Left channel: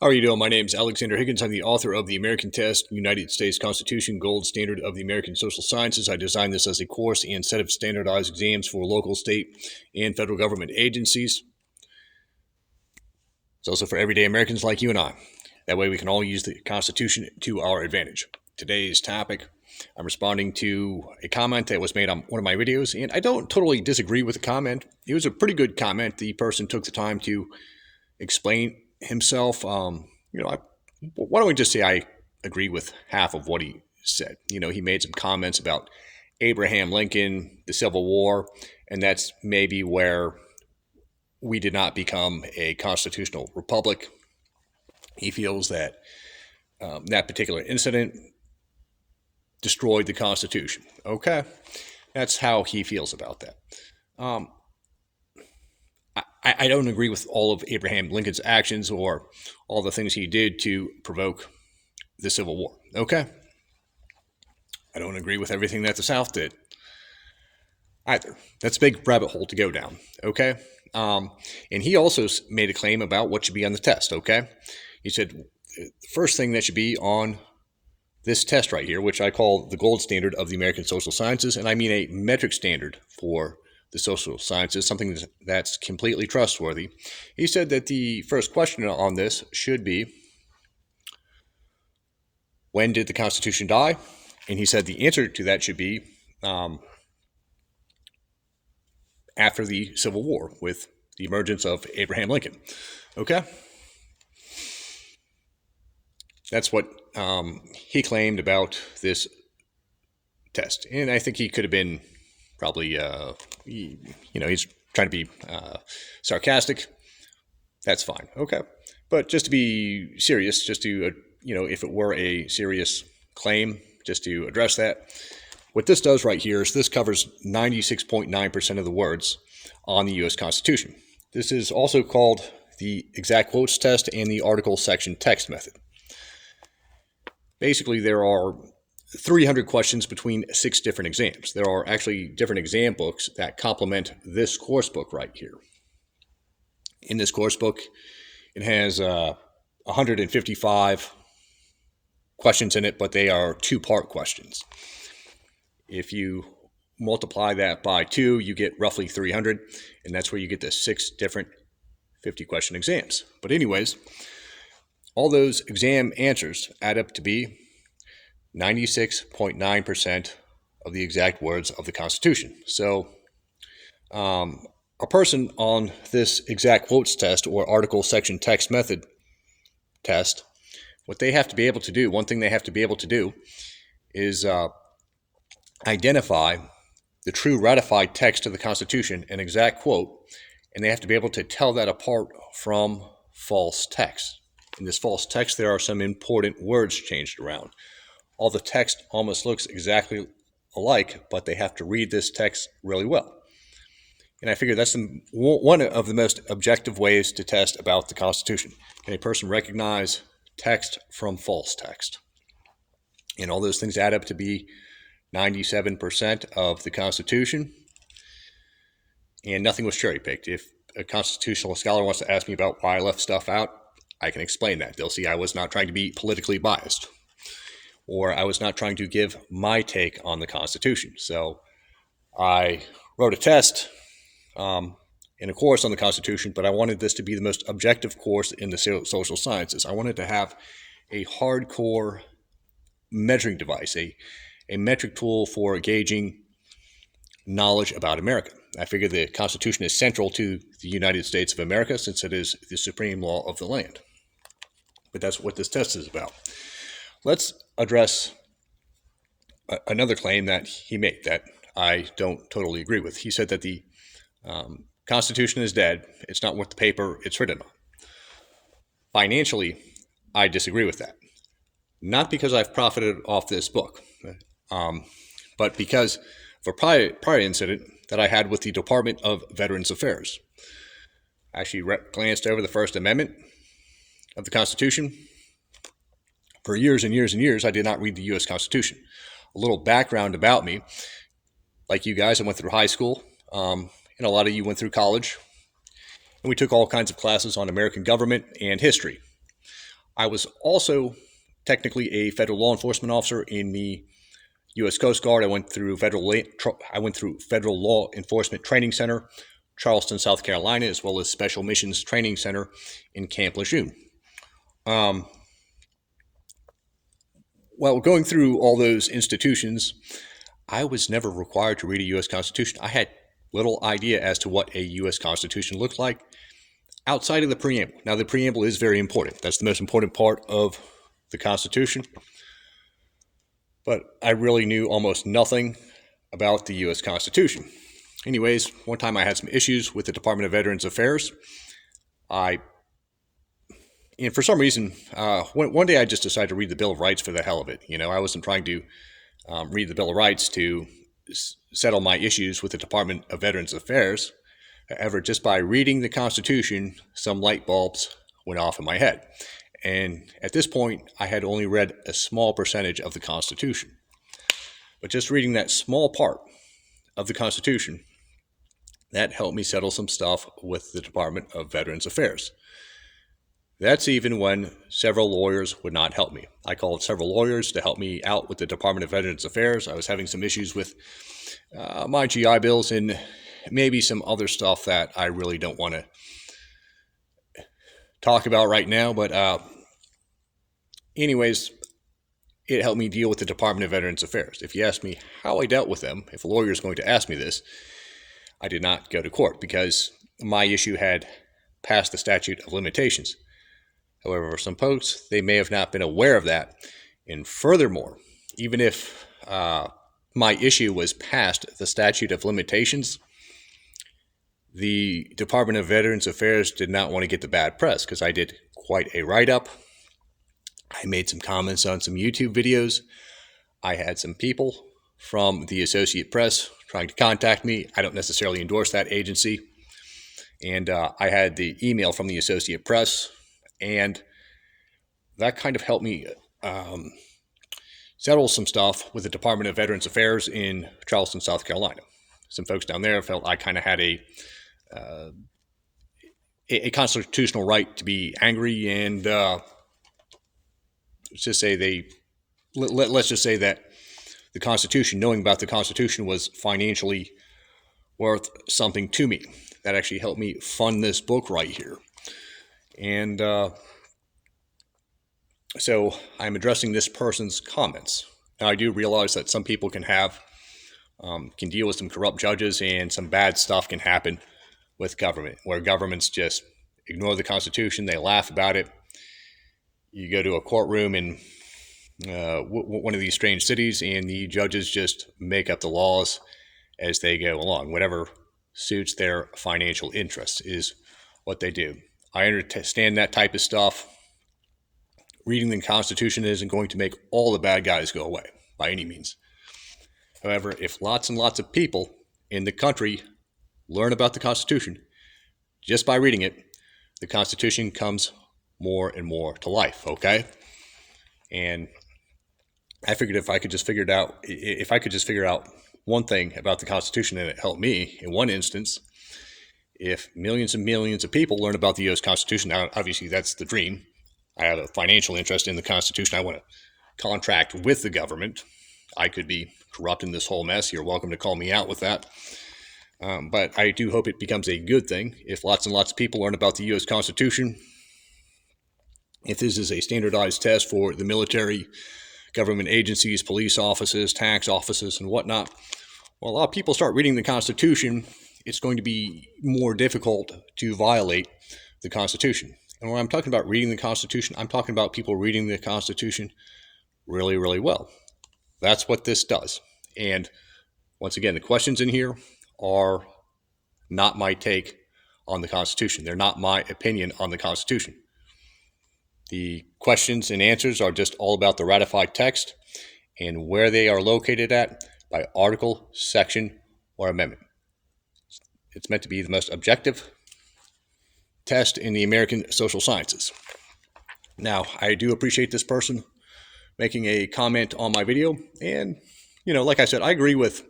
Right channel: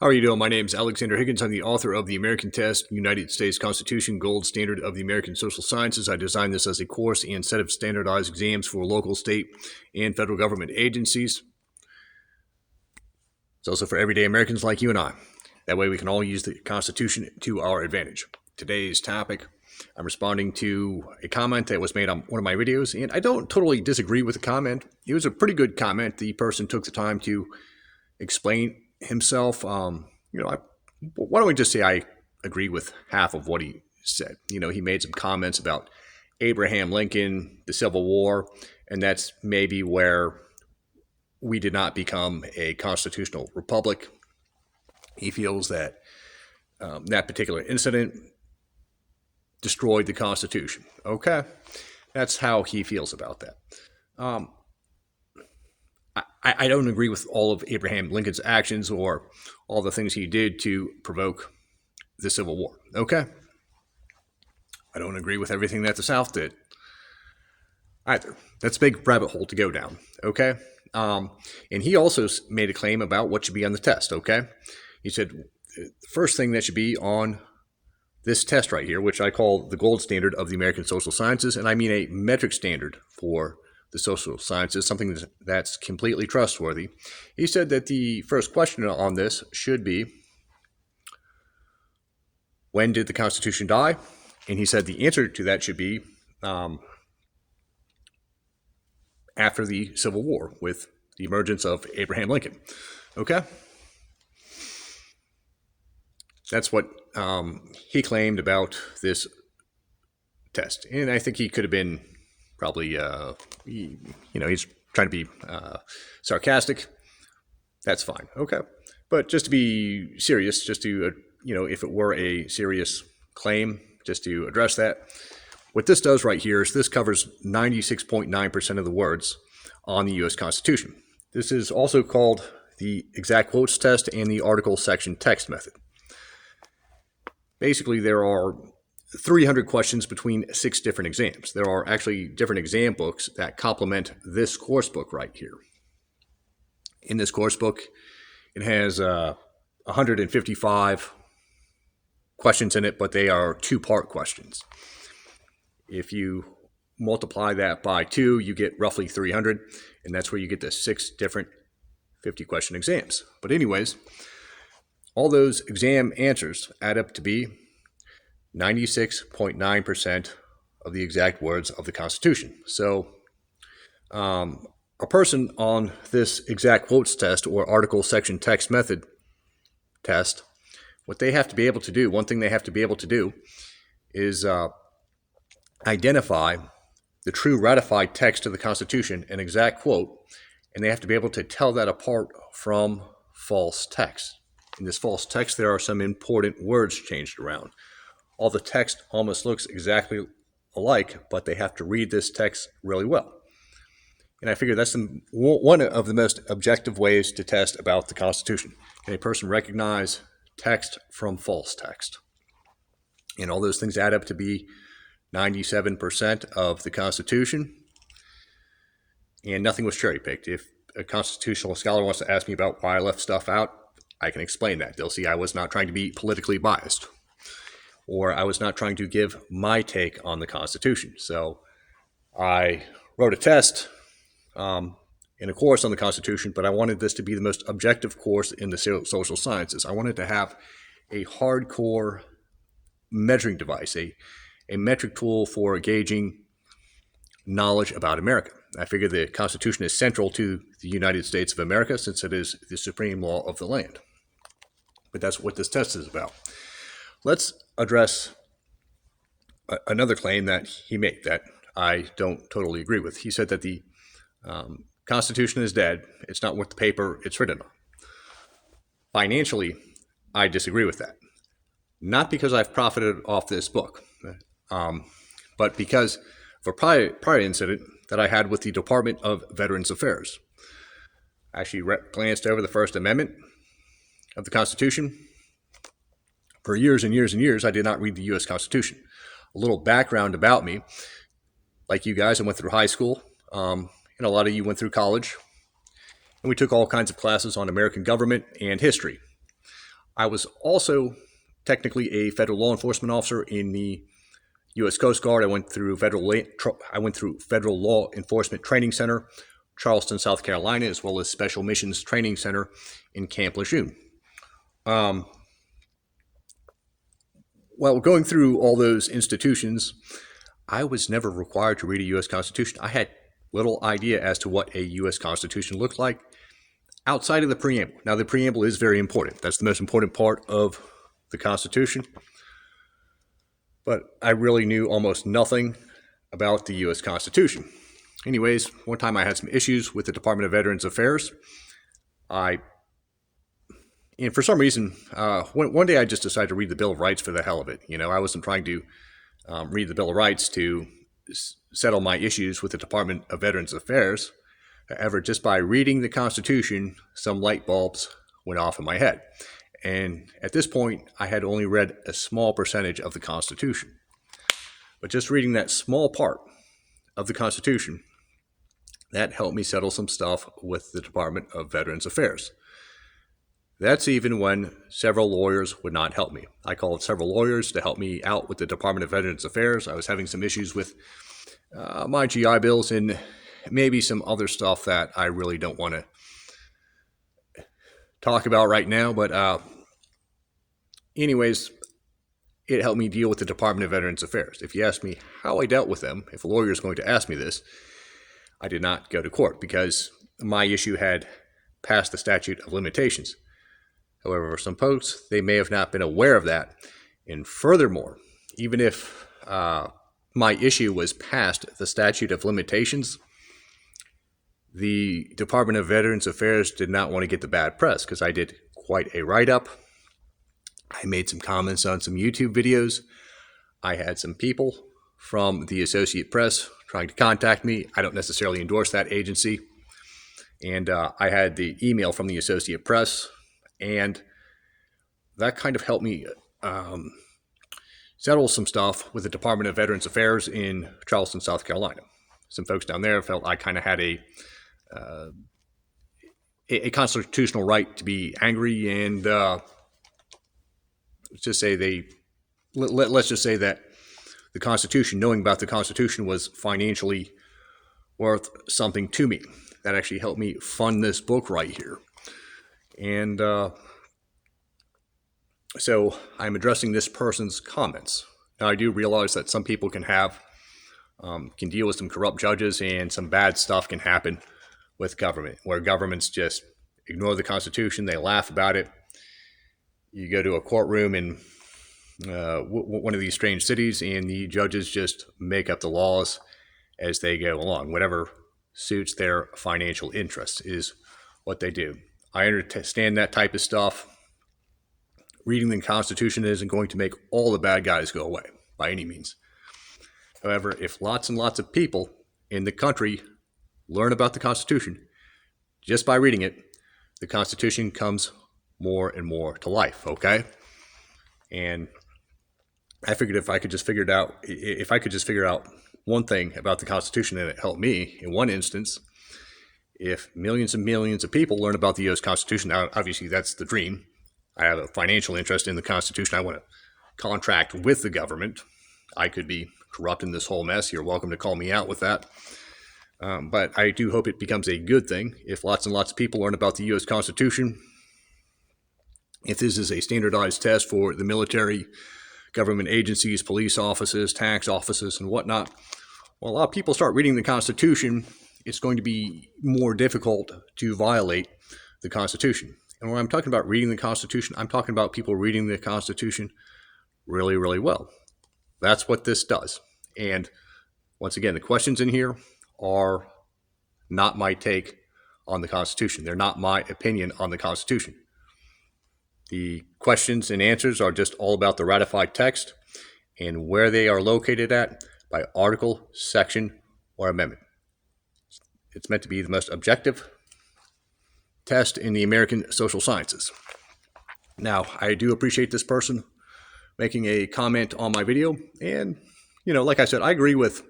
How are you doing? My name is Alexander Higgins. I'm the author of The American Test, United States Constitution, Gold Standard of the American Social Sciences. I designed this as a course and set of standardized exams for local, state, and federal government agencies. It's also for everyday Americans like you and I. That way we can all use the Constitution to our advantage. Today's topic, I'm responding to a comment that was made on one of my videos, and I don't totally disagree with the comment. It was a pretty good comment. The person took the time to explain himself. Why don't we just say I agree with half of what he said? He made some comments about Abraham Lincoln, the Civil War, and that's maybe where we did not become a constitutional republic. He feels that that particular incident destroyed the Constitution. Okay, that's how he feels about that. I don't agree with all of Abraham Lincoln's actions or all the things he did to provoke the Civil War. Okay? I don't agree with everything that the South did either. That's a big rabbit hole to go down. Okay? And he also made a claim about what should be on the test. Okay? He said the first thing that should be on this test right here, which I call the gold standard of the American social sciences, and I mean a metric standard for the social sciences, something that's completely trustworthy. He said that the first question on this should be, when did the Constitution die? And he said the answer to that should be after the Civil War, with the emergence of Abraham Lincoln. Okay? That's what he claimed about this test. And I think he could have been probably, he's trying to be sarcastic. That's fine. Okay. But just to be serious, just to, if it were a serious claim, just to address that, what this does right here is this covers 96.9% of the words on the U.S. Constitution. This is also called the exact quotes test and the article section text method. Basically, there are 300 questions between 6 different exams. There are actually different exam books that complement this course book right here. In this course book, it has 155 questions in it, but they are 2-part questions. If you multiply that by 2, you get roughly 300, and that's where you get the 6 different 50-question exams. But anyways, all those exam answers add up to be 96.9% of the exact words of the Constitution. So a person on this exact quotes test or article section text method test, what they have to be able to do, one thing they have to be able to do is identify the true ratified text of the Constitution, an exact quote, and they have to be able to tell that apart from false text. In this false text, there are some important words changed around. All the text almost looks exactly alike, but they have to read this text really well. And I figure that's one of the most objective ways to test about the Constitution. Can a person recognize text from false text? And all those things add up to be 97% of the Constitution. And nothing was cherry-picked. If a constitutional scholar wants to ask me about why I left stuff out, I can explain that. They'll see I was not trying to be politically biased, or I was not trying to give my take on the Constitution. So I wrote a test in a course on the Constitution, but I wanted this to be the most objective course in the social sciences. I wanted to have a hardcore measuring device, a metric tool for gauging knowledge about America. I figure the Constitution is central to the United States of America since it is the supreme law of the land. But that's what this test is about. Let's address another claim that he made that I don't totally agree with. He said that the Constitution is dead. It's not worth the paper it's written on. Financially, I disagree with that. Not because I've profited off this book, but because of a prior incident that I had with the Department of Veterans Affairs. I actually glanced over the First Amendment of the Constitution. For years and years and years, I did not read the U.S. Constitution. A little background about me. Like you guys, I went through high school, and a lot of you went through college. And we took all kinds of classes on American government and history. I was also technically a federal law enforcement officer in the U.S. Coast Guard. I went through Federal Law Enforcement Training Center, Charleston, South Carolina, as well as Special Missions Training Center in Camp Lejeune. Well, going through all those institutions, I was never required to read a U.S. Constitution. I had little idea as to what a U.S. Constitution looked like outside of the preamble. Now, the preamble is very important. That's the most important part of the Constitution. But I really knew almost nothing about the U.S. Constitution. Anyways, one time I had some issues with the Department of Veterans Affairs. And for some reason, one day I just decided to read the Bill of Rights for the hell of it. I wasn't trying to read the Bill of Rights to settle my issues with the Department of Veterans Affairs. However, just by reading the Constitution, some light bulbs went off in my head. And at this point, I had only read a small percentage of the Constitution. But just reading that small part of the Constitution, that helped me settle some stuff with the Department of Veterans Affairs. That's even when several lawyers would not help me. I called several lawyers to help me out with the Department of Veterans Affairs. I was having some issues with my GI Bills and maybe some other stuff that I really don't want to talk about right now. But anyways, it helped me deal with the Department of Veterans Affairs. If you ask me how I dealt with them, if a lawyer is going to ask me this, I did not go to court because my issue had passed the statute of limitations. However, for some folks, they may have not been aware of that. And furthermore, even if my issue was past the statute of limitations, the Department of Veterans Affairs did not want to get the bad press because I did quite a write-up. I made some comments on some YouTube videos. I had some people from the Associate Press trying to contact me. I don't necessarily endorse that agency. And I had the email from the Associate Press, and that kind of helped me settle some stuff with the Department of Veterans Affairs in Charleston, South Carolina. Some folks down there felt I kind of had a constitutional right to be angry, and let's just say that the Constitution, knowing about the Constitution, was financially worth something to me. That actually helped me fund this book right here. And so I'm addressing this person's comments. Now, I do realize that some people can deal with some corrupt judges, and some bad stuff can happen with government, where governments just ignore the Constitution, they laugh about it. You go to a courtroom in one of these strange cities, and the judges just make up the laws as they go along. Whatever suits their financial interests is what they do. I understand that type of stuff. Reading the Constitution isn't going to make all the bad guys go away by any means. However, if lots and lots of people in the country learn about the Constitution just by reading it, the Constitution comes more and more to life, okay? And I figured if I could just figure out one thing about the Constitution, and it helped me in one instance, if millions and millions of people learn about the U.S. Constitution, now obviously that's the dream. I have a financial interest in the Constitution. I want to contract with the government. I could be corrupt in this whole mess. You're welcome to call me out with that. But I do hope it becomes a good thing if lots and lots of people learn about the U.S. Constitution. If this is a standardized test for the military, government agencies, police offices, tax offices, and whatnot, well, a lot of people start reading the Constitution, it's going to be more difficult to violate the Constitution. And when I'm talking about reading the Constitution, I'm talking about people reading the Constitution really, really well. That's what this does. And once again, the questions in here are not my take on the Constitution. They're not my opinion on the Constitution. The questions and answers are just all about the ratified text and where they are located at by article, section, or amendment. It's meant to be the most objective test in the American social sciences. Now, I do appreciate this person making a comment on my video, and, like I said, I agree with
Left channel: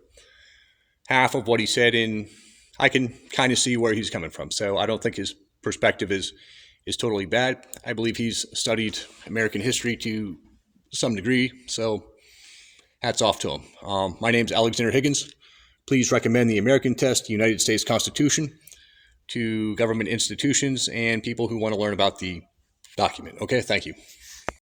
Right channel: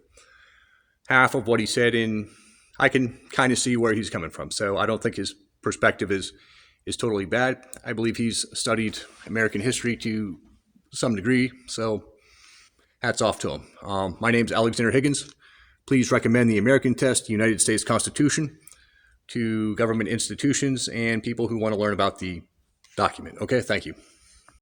half of what he said, and I can kind of see where he's coming from. So I don't think his perspective is is totally bad. I believe he's studied American history to some degree, so hats off to him. My name's Alexander Higgins. Please recommend the American Test, the United States Constitution, to government institutions and people who want to learn about the document. Okay, thank you.